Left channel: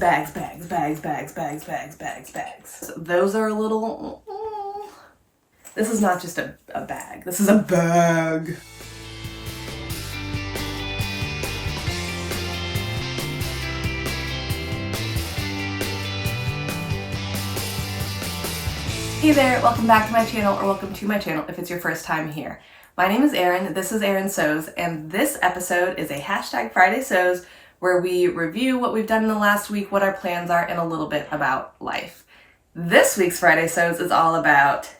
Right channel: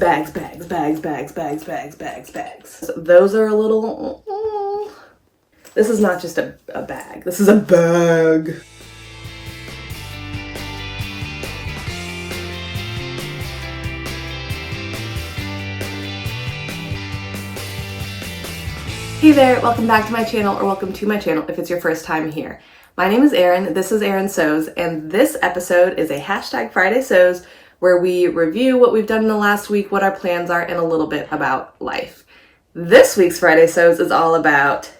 bags, bags, bags, bags, bags, bags, bags, bags. Those are a little, this is not just a bag, this is a bag. Hey there, welcome back to my channel, or welcome to my channel if it's your first time here. My name is Erin, this is Erin Sews, and this episode is a hashtag Friday Sews where we review what we've done in the last week, what our plans are, and a little bit about life. This week's Friday Sews is all about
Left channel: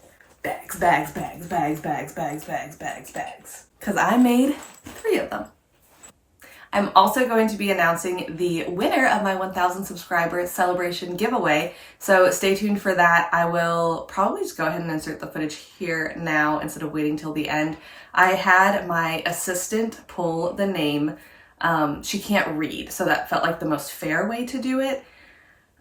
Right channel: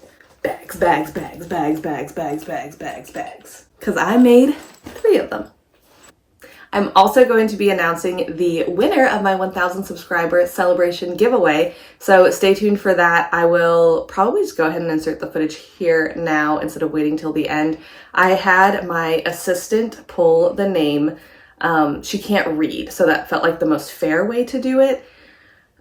bags, bags, bags, bags, bags, bags, bags, bags, bags, because I made 3 of them. I'm also going to be announcing the winner of my 1,000 subscriber celebration giveaway, so stay tuned for that. I will probably just go ahead and insert the footage here now instead of waiting till the end. I had my assistant pull the name. She can't read, so that felt like the most fair way to do it.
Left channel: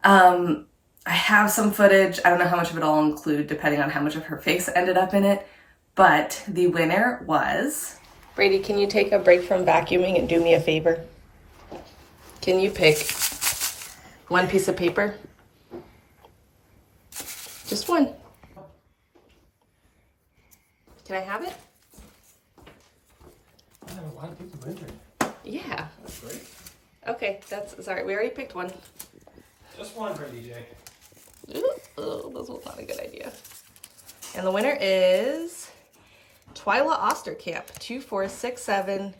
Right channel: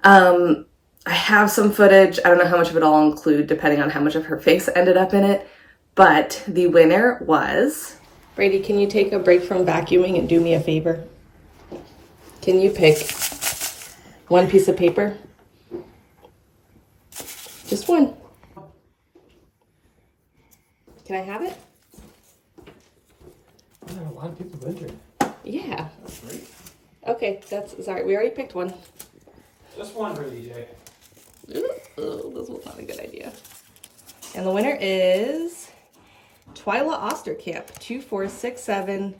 I have some footage. I don't know how much of it I'll include depending on how much of her face ended up in it, but the winner was... Brady, can you take a break from vacuuming and do me a favor? Can you pick one piece of paper? Just one. Can I have it? I have a lot of people entered. Yeah. That's great. Okay, sorry, we already picked one. Just one for DJ. Oh, this was not a good idea. And the winner is... Twyla Osterkamp, 2467.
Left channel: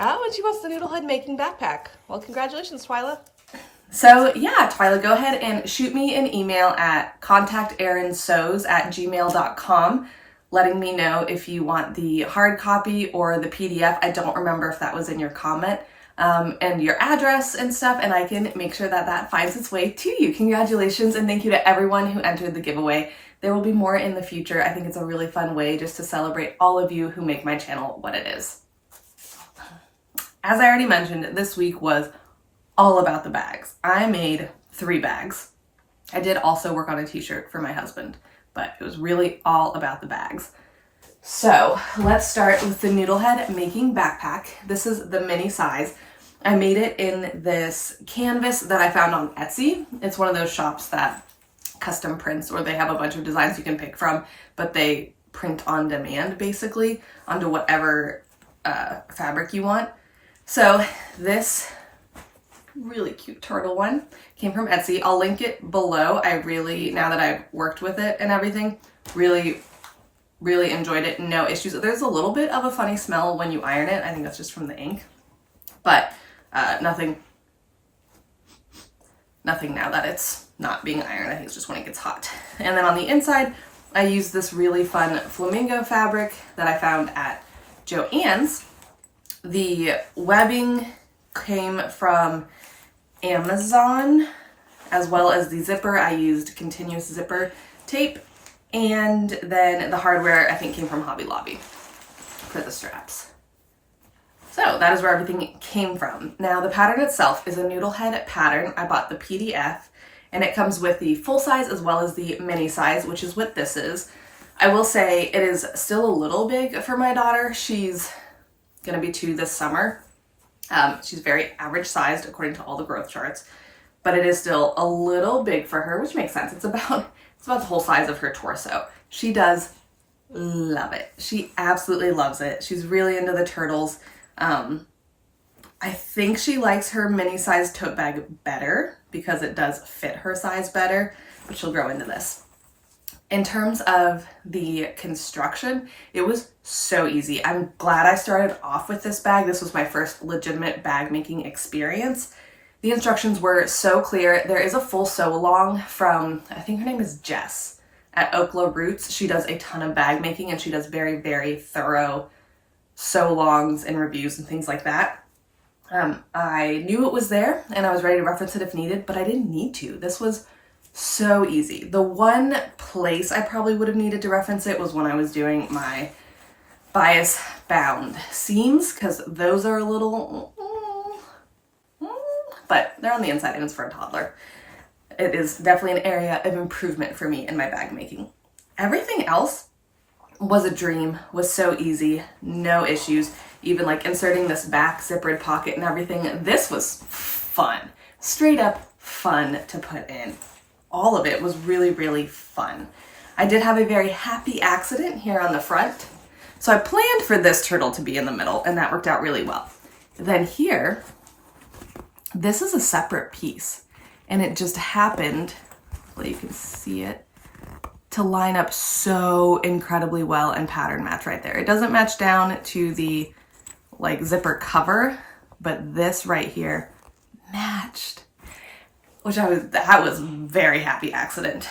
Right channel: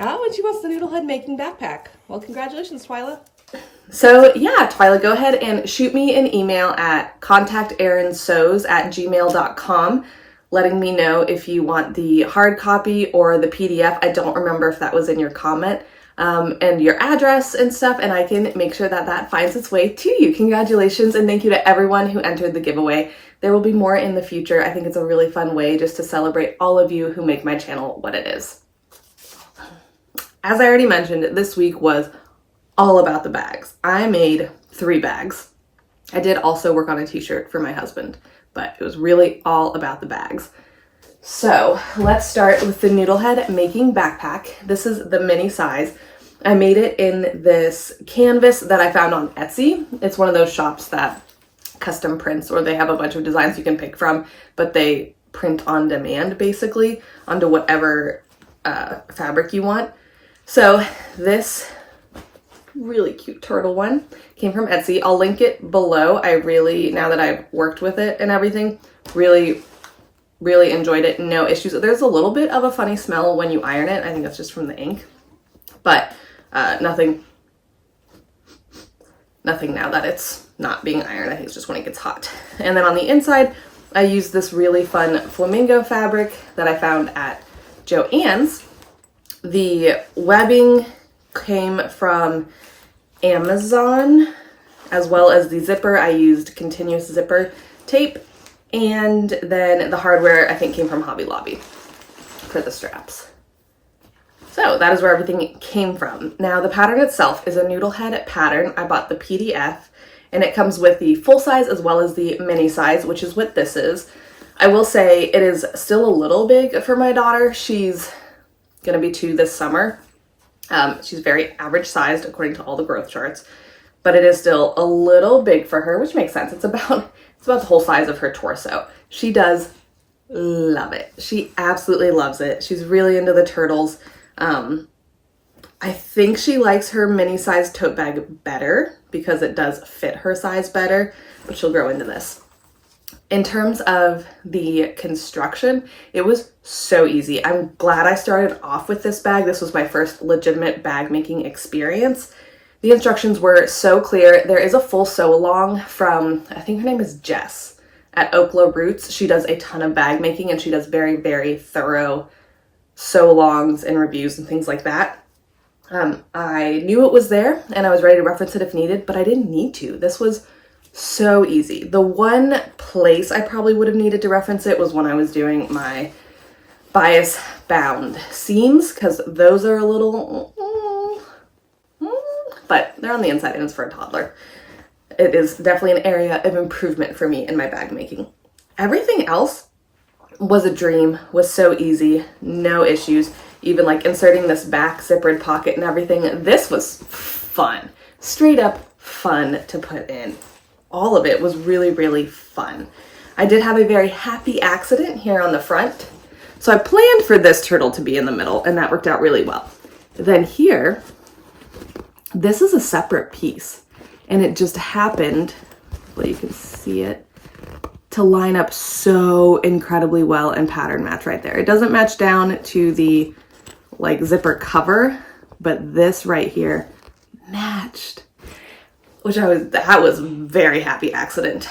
Oh, and she wants the Noodlehead making backpack. Well, congratulations, Twyla. So yeah, Twyla, go ahead and shoot me an email at contacterinsews@gmail.com, letting me know if you want the hard copy or the PDF. I don't remember if that was in your comment, and your address and stuff, and I can make sure that that finds its way to you. Congratulations, and thank you to everyone who entered the giveaway. There will be more in the future. I think it's a really fun way just to celebrate all of you who make my channel what it is. As I already mentioned, this week was all about the bags. I made 3 bags. I did also work on a t-shirt for my husband, but it was really all about the bags. So let's start with the Noodlehead making backpack. This is the mini size. I made it in this canvas that I found on Etsy. It's one of those shops that custom prints, or they have a bunch of designs you can pick from, but they print on demand basically onto whatever fabric you want. So this really cute turtle one came from Etsy. I'll link it below. I really, now that I've worked with it and everything, really enjoyed it. No issues. There's a little bit of a funny smell when you iron it. I think that's just from the ink, but nothing now that it's not being ironed. I think it's just when it gets hot. And then on the inside, I used this really fun flamingo fabric that I found at Joann's. The webbing came from Amazon, as well as the zipper. I used continuous zipper tape, and then the hardware I think came from Hobby Lobby for the straps. So that is where everything came from. Now the pattern itself is a Noodlehead pattern. I bought the PDF, and it comes with the full size as well as the mini size, which is what this is. I will say it is still a little big for my daughter. She's gonna be 2 this summer. She's very average sized according to all the growth charts, but it is still a little big for her, which makes sense. It's about the whole size of her torso. She does love it. She absolutely loves it. She's really into the turtles. I think she likes her mini size tote bag better because it does fit her size better, but she'll grow into this. In terms of the construction, it was so easy. I'm glad I started off with this bag. This was my first legitimate bag making experience. The instructions were so clear. There is a full sew along from, I think her name is Jess at Okla Roots. She does a ton of bag making, and she does very, very thorough sew alongs and reviews and things like that. I knew it was there and I was ready to reference it if needed, but I didn't need to. This was so easy. The one place I probably would have needed to reference it was when I was doing my bias bound seams, because those are a little, but they're on the inside and it's for a toddler. It is definitely an area of improvement for me in my bag making. Everything else was a dream, was so easy, no issues. Even like inserting this back zippered pocket and everything, this was fun. Straight up fun to put in. All of it was really, really fun. I did have a very happy accident here on the front. So I planned for this turtle to be in the middle, and that worked out really well. Then here, this is a separate piece, and it just happened, well, you can see it, to line up so incredibly well and pattern match right there. It doesn't match down to the like zipper cover, but this right here matched, which that was a very happy accident.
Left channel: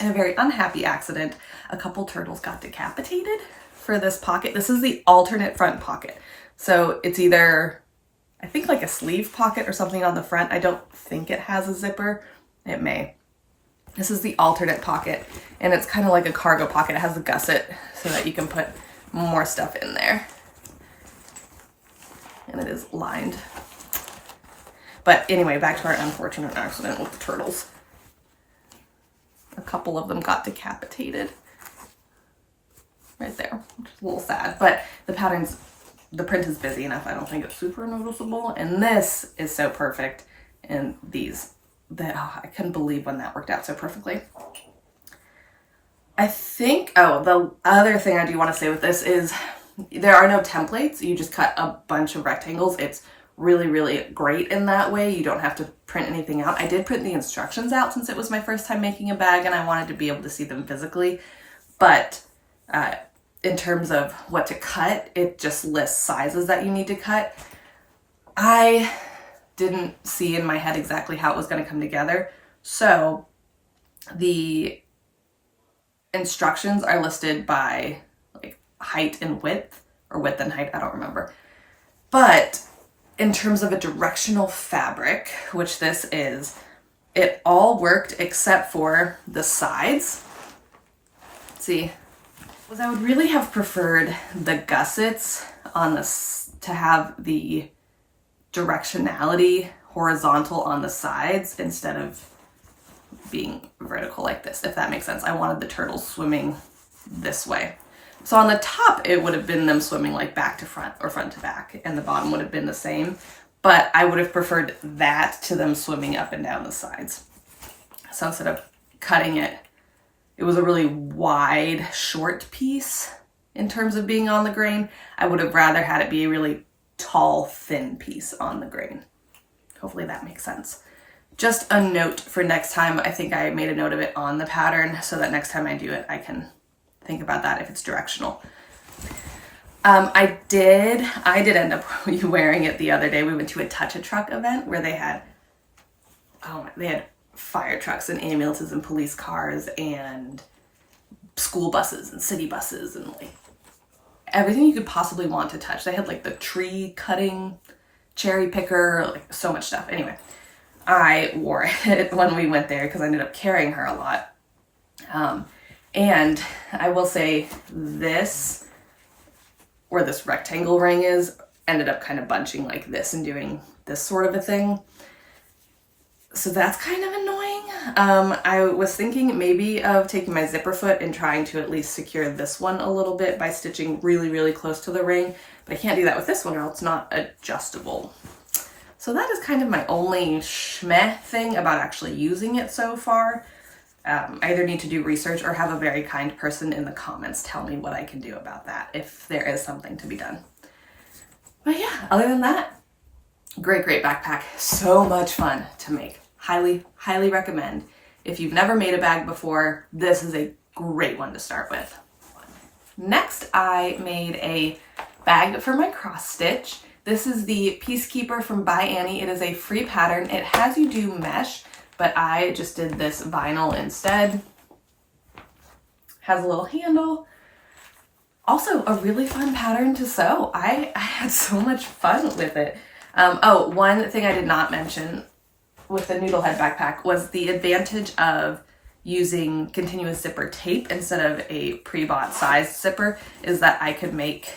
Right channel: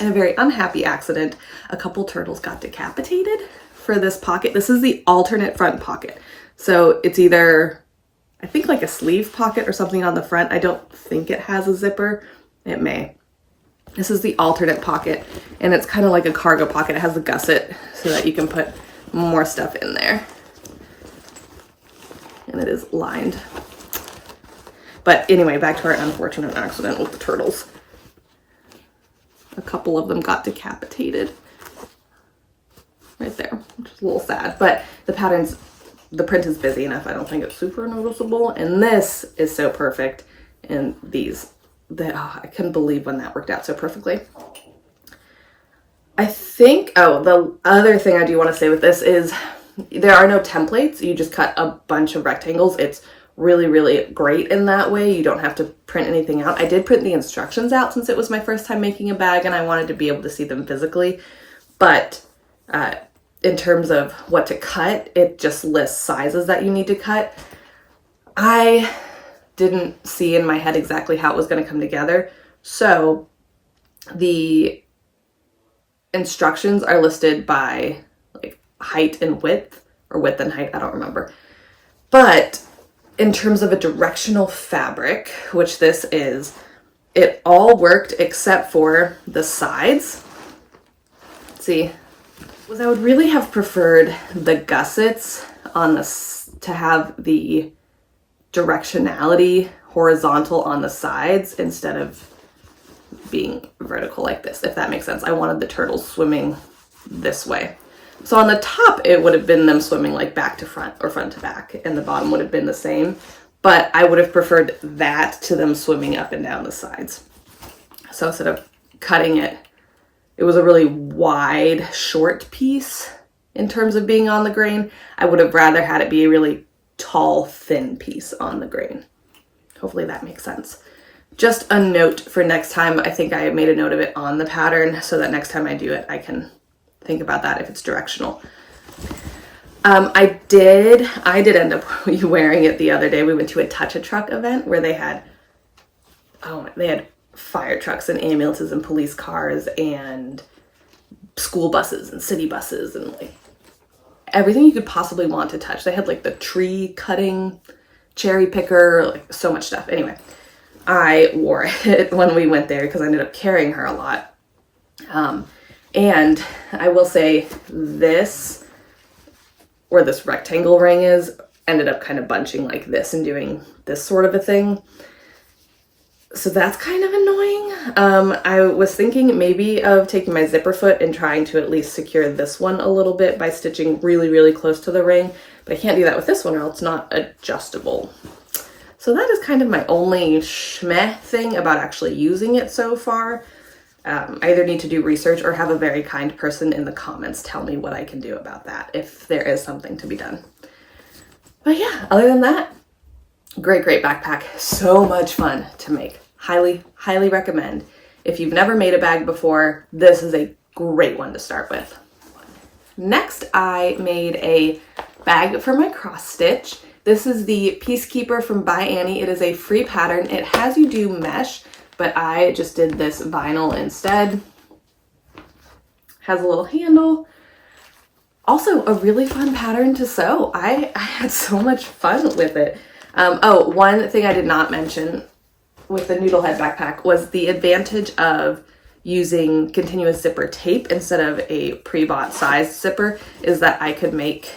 In a very unhappy accident, a couple turtles got decapitated for this pocket. This is the alternate front pocket. So it's either, I think, like a sleeve pocket or something on the front. I don't think it has a zipper. It may. This is the alternate pocket, and it's kind of like a cargo pocket. It has a gusset so that you can put more stuff in there. And it is lined. But anyway, back to our unfortunate accident with the turtles. A couple of them got decapitated right there, which is a little sad, but the print is busy enough. I don't think it's super noticeable. And this is so perfect. And I couldn't believe when that worked out so perfectly. I think, the other thing I do want to say with this is there are no templates. You just cut a bunch of rectangles. It's really, really great in that way. You don't have to print anything out. I did print the instructions out since it was my first time making a bag and I wanted to be able to see them physically. But in terms of what to cut, it just lists sizes that you need to cut. I didn't see in my head exactly how it was going to come together. So the instructions are listed by like height and width, or width and height, I don't remember. But in terms of a directional fabric, which this is, it all worked except for the sides. Let's see, I would really have preferred the gussets on this to have the directionality horizontal on the sides instead of being vertical like this, if that makes sense. I wanted the turtles swimming this way. So on the top, it would have been them swimming like back to front or front to back, and the bottom would have been the same, but I would have preferred that to them swimming up and down the sides. So instead of cutting it, it was a really wide, short piece in terms of being on the grain. I would have rather had it be a really tall, thin piece on the grain. Hopefully that makes sense. Just a note for next time. I think I made a note of it on the pattern so that next time I do it, I can think about that if it's directional. I did end up wearing it the other day. We went to a Touch a Truck event where they had fire trucks and ambulances and police cars and school buses and city buses and like everything you could possibly want to touch. They had like the tree cutting, cherry picker, like so much stuff. Anyway, I wore it when we went there because I ended up carrying her a lot. And I will say this, where this rectangle ring is, ended up kind of bunching like this and doing this sort of a thing. So that's kind of annoying. I was thinking maybe of taking my zipper foot and trying to at least secure this one a little bit by stitching really, really close to the ring, but I can't do that with this one or else it's not adjustable. So that is kind of my only schmeh thing about actually using it so far. I either need to do research or have a very kind person in the comments tell me what I can do about that if there is something to be done. But yeah, other than that, great backpack. So much fun to make. Highly, highly recommend. If you've never made a bag before, this is a great one to start with. Next, I made a bag for my cross stitch. This is the Piecekeeper from by Annie. It is a free pattern. It has you do mesh, but I just did this vinyl instead. Has a little handle. Also a really fun pattern to sew. I had so much fun with it. One thing I did not mention with the Noodlehead backpack was the advantage of using continuous zipper tape instead of a pre-bought size zipper is that I could make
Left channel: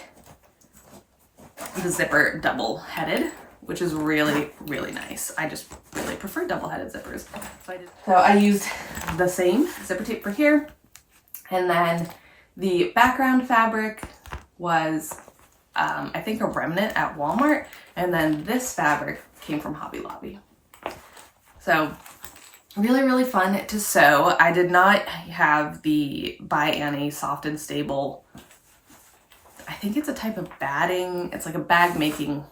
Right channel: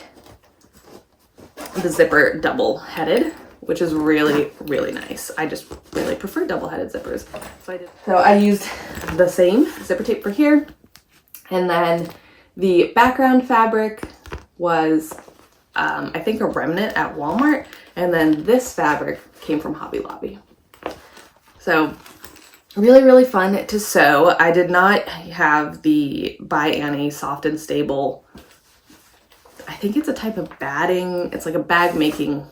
the zipper double-headed, which is really, really nice. I just really prefer double-headed zippers. So I used the same zipper tape for here, and then the background fabric was, I think, a remnant at Walmart, and then this fabric came from Hobby Lobby. So really, really fun to sew. I did not have the by Annie Soft and Stable. I think it's a type of batting. It's like a bag making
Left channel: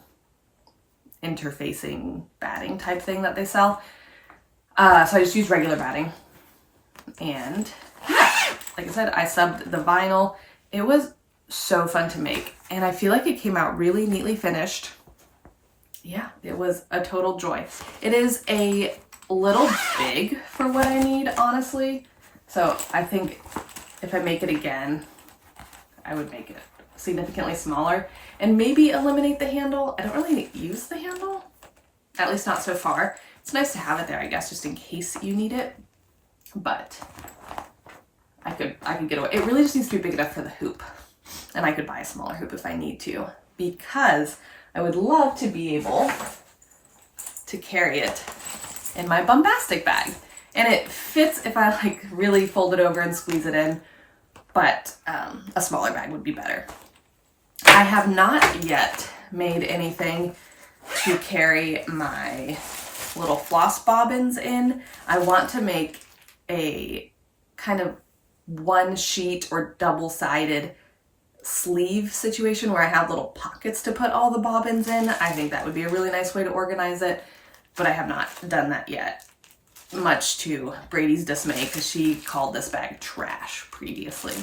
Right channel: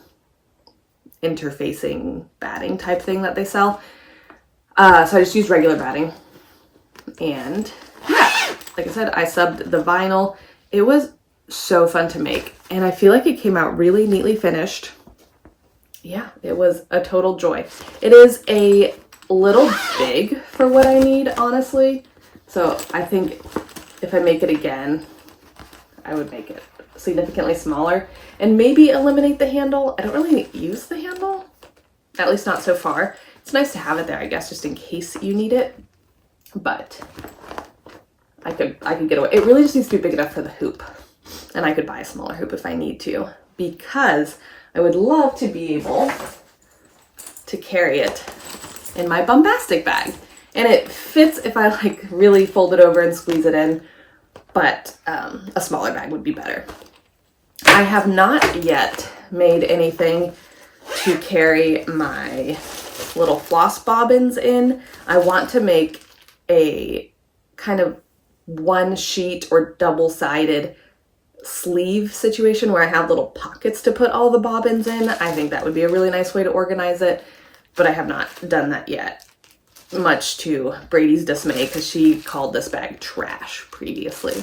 interfacing batting type thing that they sell. So I just used regular batting. And yeah, like I said, I subbed the vinyl. It was so fun to make. And I feel like it came out really neatly finished. Yeah, it was a total joy. It is a little big for what I need, honestly. So I think if I make it again, I would make it significantly smaller and maybe eliminate the handle. I don't really use the handle, at least not so far. It's nice to have it there, I guess, just in case you need it. But I could get away. It really just needs to be big enough for the hoop. And I could buy a smaller hoop if I need to, because I would love to be able to carry it in my Bumbastic bag. And it fits if I like really fold it over and squeeze it in, but a smaller bag would be better. I have not yet made anything to carry my little floss bobbins in. I want to make a kind of one sheet or double-sided sleeve situation where I have little pockets to put all the bobbins in. I think that would be a really nice way to organize it, but I have not done that yet, much to Brady's dismay, because she called this bag trash previously.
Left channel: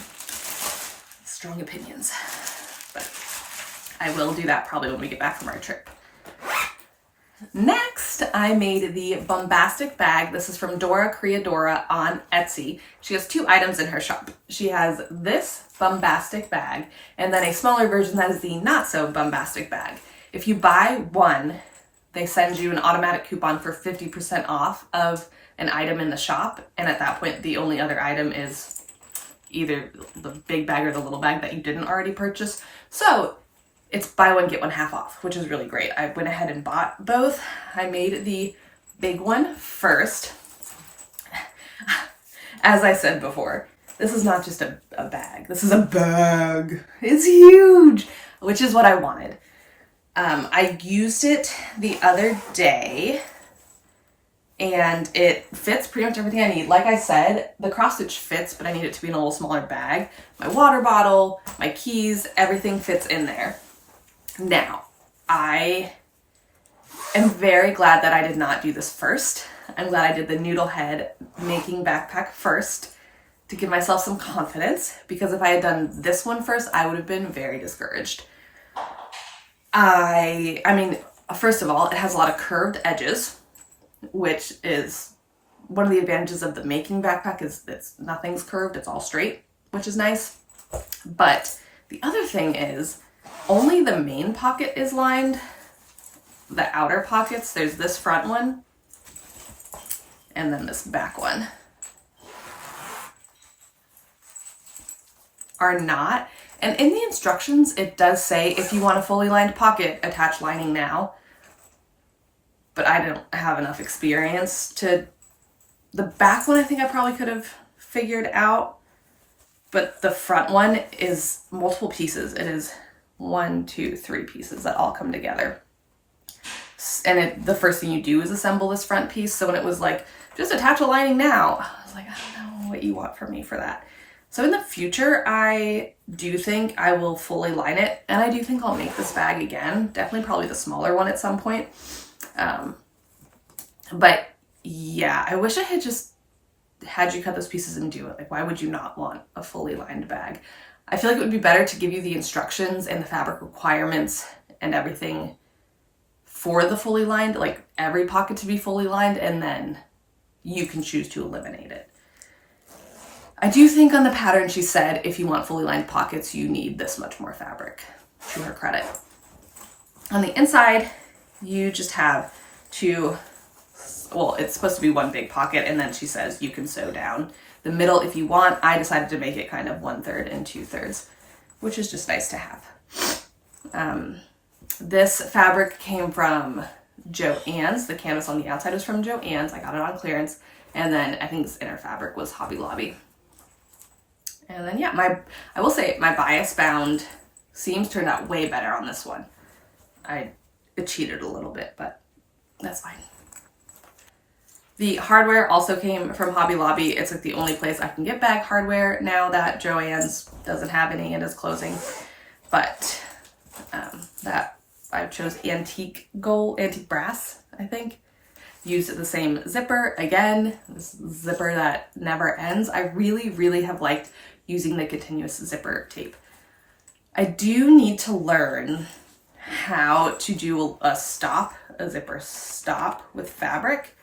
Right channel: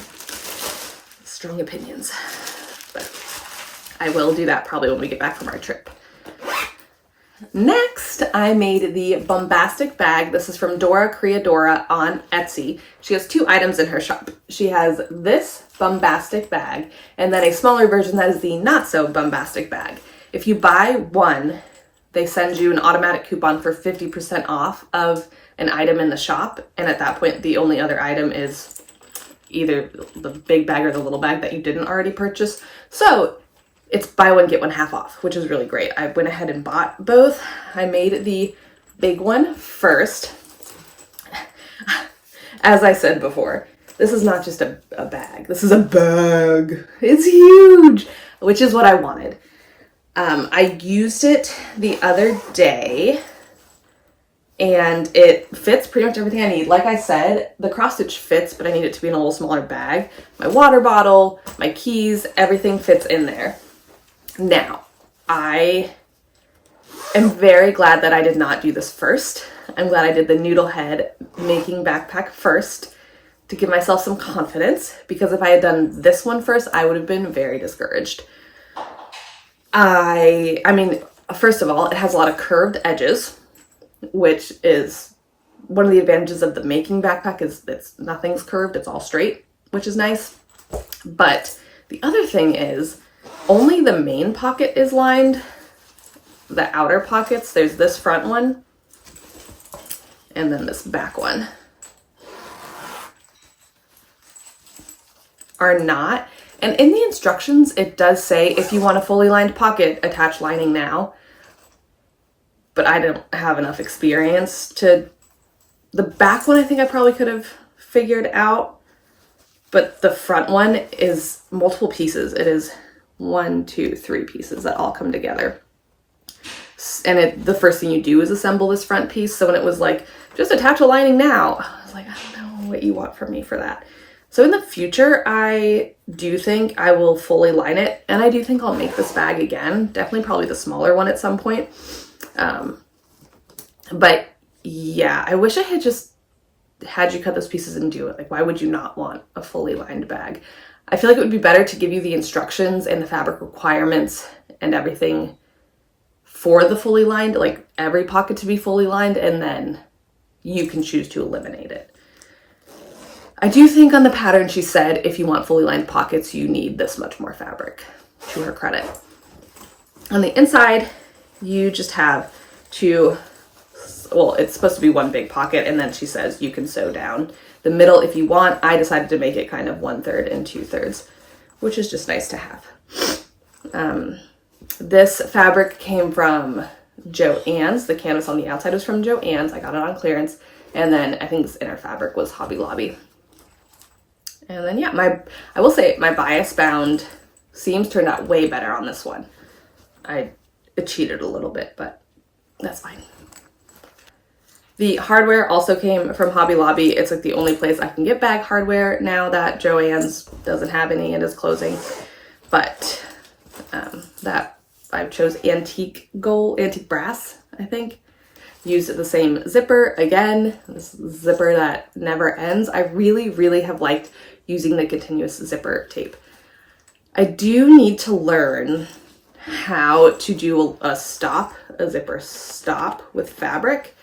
Strong opinions, but I will do that probably when we get back from our trip. Next, I made the Bumbastic bag. This is from Dora, Creadora on Etsy. She has 2 items in her shop. She has this Bumbastic bag and then a smaller version that is the not so Bumbastic bag. If you buy one, they send you an automatic coupon for 50% off of an item in the shop. And at that point, the only other item is either the big bag or the little bag that you didn't already purchase. So it's buy one, get one half off, which is really great. I went ahead and bought both. I made the big one first. As I said before, this is not just a bag. This is a bag. It's huge, which is what I wanted. I used it the other day and it fits pretty much everything I need. Like I said, the cross stitch fits, but I need it to be in a little smaller bag. My water bottle, my keys, everything fits in there. Now, I am very glad that I did not do this first. I'm glad I did the Noodlehead making backpack first to give myself some confidence, because if I had done this one first, I would have been very discouraged. I mean, first of all, it has a lot of curved edges, which is one of the advantages of the making backpack, is that nothing's curved, it's all straight, which is nice. But the other thing is, only the main pocket is lined. The outer pockets, there's this front one and then this back one, are not. And in the instructions, it does say if you want a fully lined pocket, attach lining now. But I don't have enough experience to... The back one, I think I probably could have figured out. But the front one is multiple pieces. It is 1, 2, 3 pieces that all come together. And the first thing you do is assemble this front piece. So when it was like, just attach a lining now, I was like, I don't know what you want from me for that. So in the future, I do think I will fully line it. And I do think I'll make this bag again. Definitely probably the smaller one at some point. But yeah, I wish I had just had you cut those pieces and do it. Like, why would you not want a fully lined bag? I feel like it would be better to give you the instructions and the fabric requirements and everything for the fully lined, like every pocket to be fully lined, and then you can choose to eliminate it. I do think on the pattern she said, if you want fully lined pockets, you need this much more fabric, to her credit. On the inside, you just have 2, well, it's supposed to be 1 big pocket, and then she says you can sew down the middle if you want. I decided to make it kind of 1/3 and 2/3, which is just nice to have. This fabric came from Joann's. The canvas on the outside was from Joann's. I got it on clearance. And then I think this inner fabric was Hobby Lobby. And then yeah, I will say my bias bound seams turned out way better on this one. It cheated a little bit, but that's fine. The hardware also came from Hobby Lobby. It's like the only place I can get bag hardware now that Joann's doesn't have any and is closing. But that I chose antique brass, I think. Used the same zipper again, this zipper that never ends. I really, really have liked using the continuous zipper tape. I do need to learn how to do a zipper stop with fabric.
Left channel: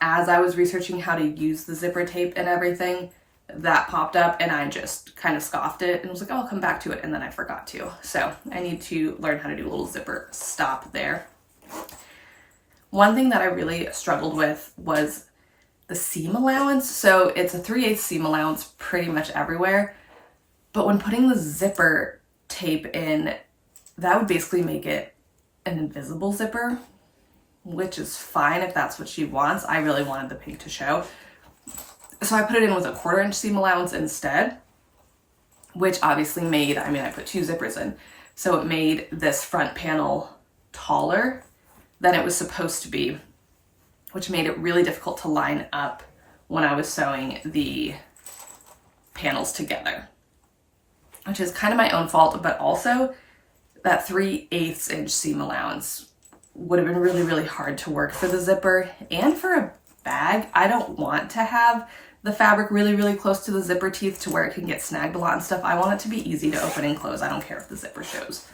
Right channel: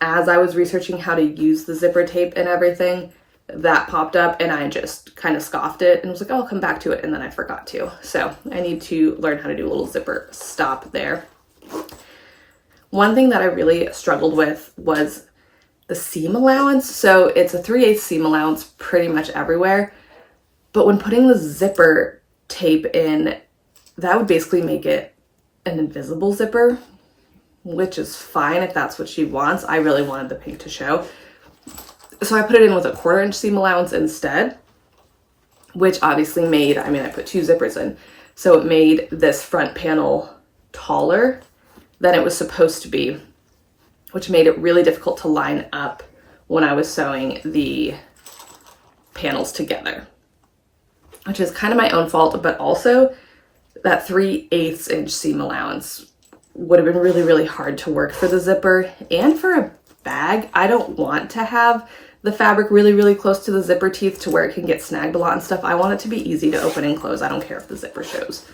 As I was researching how to use the zipper tape and everything, that popped up and I just kind of scoffed it and was like, oh, I'll come back to it, and then I forgot to. So I need to learn how to do a little zipper stop there. One thing that I really struggled with was the seam allowance. So it's a 3/8 seam allowance pretty much everywhere. But when putting the zipper tape in, that would basically make it an invisible zipper, which is fine if that's what she wants. I really wanted the pink to show. So I put it in with a 1/4 inch seam allowance instead, which obviously made, I put 2 zippers in. So it made this front panel taller than it was supposed to be, which made it really difficult to line up when I was sewing the panels together, which is kind of my own fault, but also that 3/8 inch seam allowance would have been really, really hard to work for the zipper and for a bag. I don't want to have the fabric really, really close to the zipper teeth to where it can get snagged a lot and stuff. I want it to be easy to open and close. I don't care if the zipper shows.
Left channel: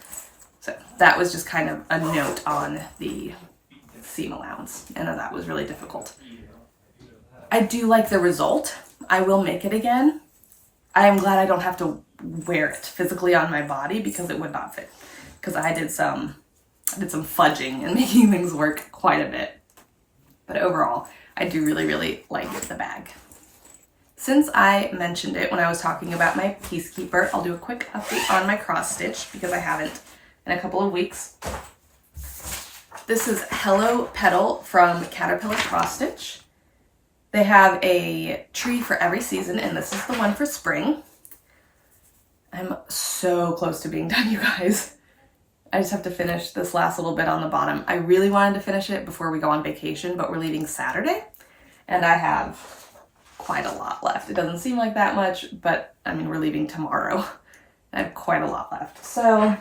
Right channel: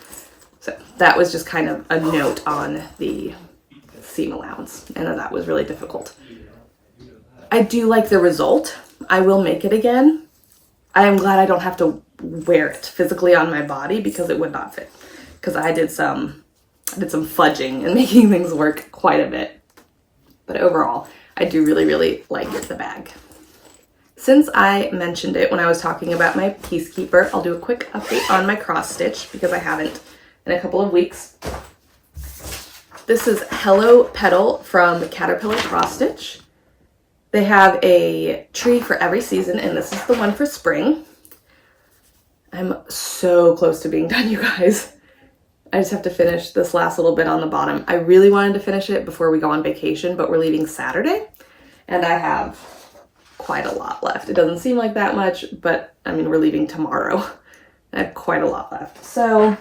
So that was just kind of a note on the seam allowance, and that was really difficult. I do like the result. I will make it again. I am glad I don't have to wear it physically on my body because it would not fit. Because I did some fudging and making things work quite a bit. But overall, I do really, really like the bag. Since I mentioned it when I was talking about my Piecekeeper, I'll do a quick update on my cross stitch because I haven't in a couple of weeks. This is Hello Petal from Caterpillar Cross Stitch. They have a tree for every season, and this is the one for spring. I'm so close to being done, you guys. I just have to finish this last little bit on the bottom. I really wanted to finish it before we go on vacation, but we're leaving Saturday, and I have quite a lot left. It doesn't seem like that much, but we're leaving tomorrow. I have quite a lot left. So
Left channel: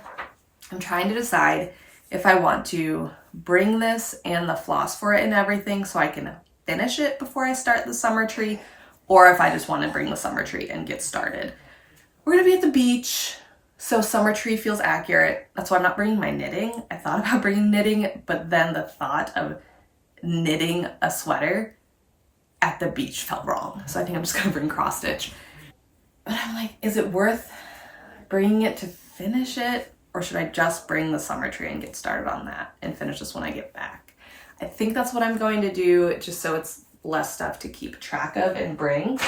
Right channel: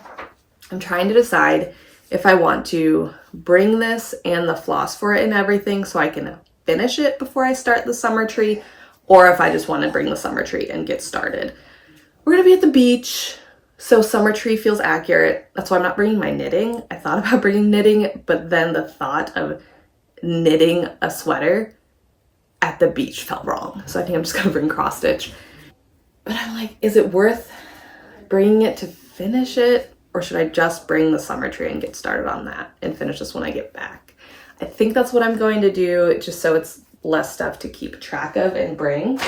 I'm trying to decide if I want to bring this and the floss for it and everything so I can finish it before I start the summer tree, or if I just want to bring the summer tree and get started. We're gonna be at the beach, so summer tree feels accurate. That's why I'm not bringing my knitting. I thought about bringing knitting, but then the thought of knitting a sweater at the beach felt wrong. So I think I'm just gonna bring cross stitch. But I'm like, is it worth bringing it to finish it? Or should I just bring the summer tree and get started on that and finish this when I get back? I think that's what I'm going to do, just so it's less stuff to keep track of and bring.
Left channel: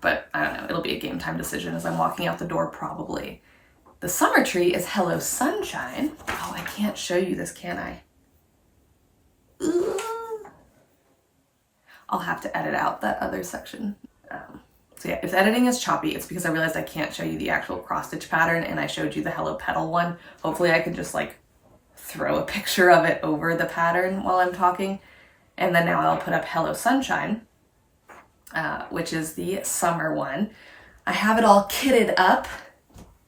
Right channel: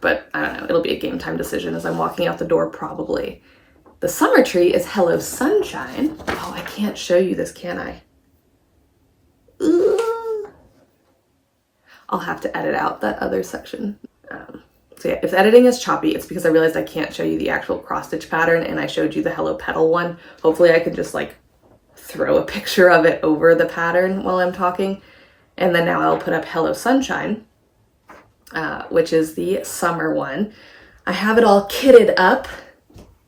But I don't know, it'll be a game time decision as I'm walking out the door probably. The summer tree is Hello Sunshine. Oh, I can't show you this, can I? Ooh. I'll have to edit out that other section. So yeah, if editing is choppy, it's because I realized I can't show you the actual cross stitch pattern and I showed you the Hello Petal one. Hopefully I can just like throw a picture of it over the pattern while I'm talking. And then now I'll put up Hello Sunshine, which is the summer one. I have it all kitted up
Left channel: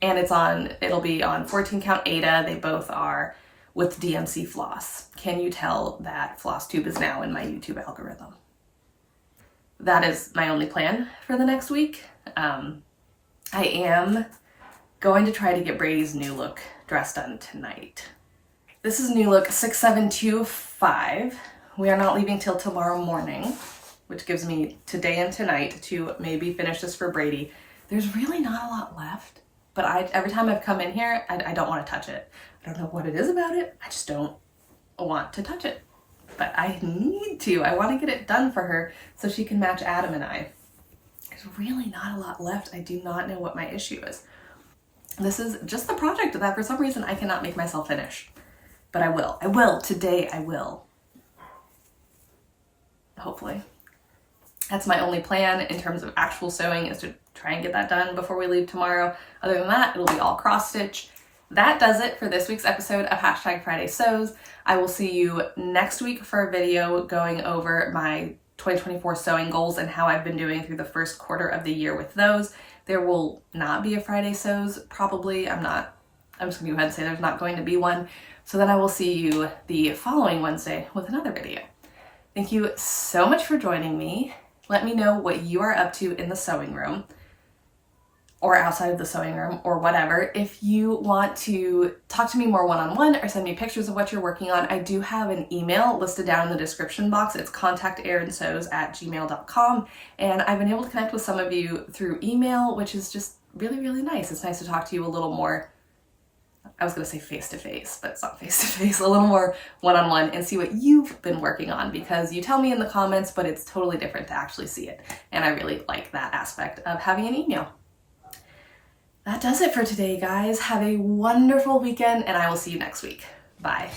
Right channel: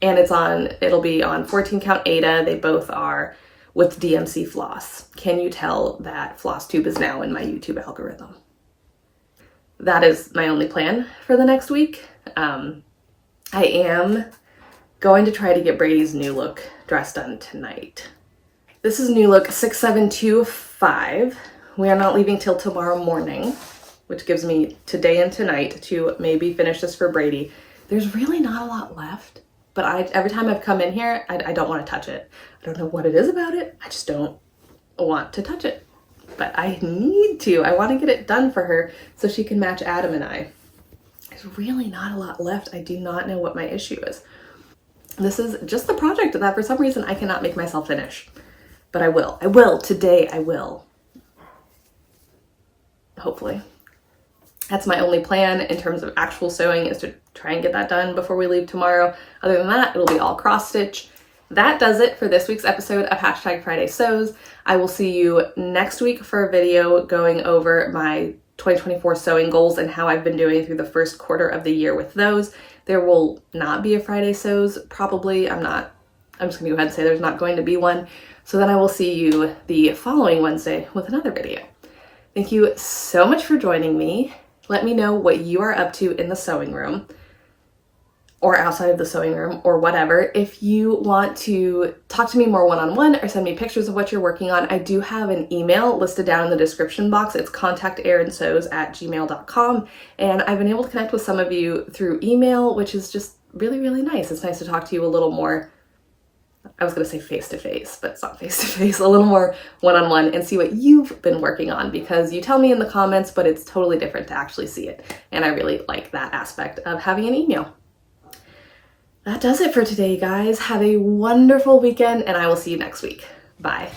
and it'll be on 14 count Aida. They both are with DMC floss. Can you tell that floss tube is now in my YouTube algorithm? That is my only plan for the next week. I am going to try to get Brady's new look dress done tonight. This is new look 6725. We are not leaving till tomorrow morning, which gives me today and tonight to maybe finish this for Brady. There's really not a lot left, but every time I've come in here, I don't want to touch it. I don't know what it is about it. I just don't want to touch it. But I need to. I want to get it done for her so she can match Adam and I. There's really not a lot left. I do not know what my issue is. This is just the project that for some reason I cannot make myself finish. But I will. I will. Today I will. Hopefully. That's my only plan in terms of actual sewing, is to try and get that done before we leave tomorrow. Other than that, it'll be all cross stitch. that does it for this week's episode of Hashtag Friday Sews. I will see you next week for a video going over my 2024 sewing goals and how I've been doing through the first quarter of the year with those. There will not be a Friday Sews, probably. I'm just gonna go ahead and say there's not going to be one. So then I will see you the following Wednesday with another video. Thank you so much for joining me. Let me know what you are up to in the sewing room or outside of the sewing room or whatever. If you want to talk to me more one-on-one or send me pictures of what you're working on, I do have an email listed down in the description box. It's contacterinsews@gmail.com. And I've been able to connect with some of you through email, which is just really, really nice. It's nice to talk to you a little more, I was gonna say face-to-face, but it's not face-to-face, a little more one-on-one and see what you've been working on, because you tell me in the comments, but it's totally different to actually see it. And I really like that aspect of having an email. That does it for today, guys. Have a wonderful weekend, and I will see you next week. Bye.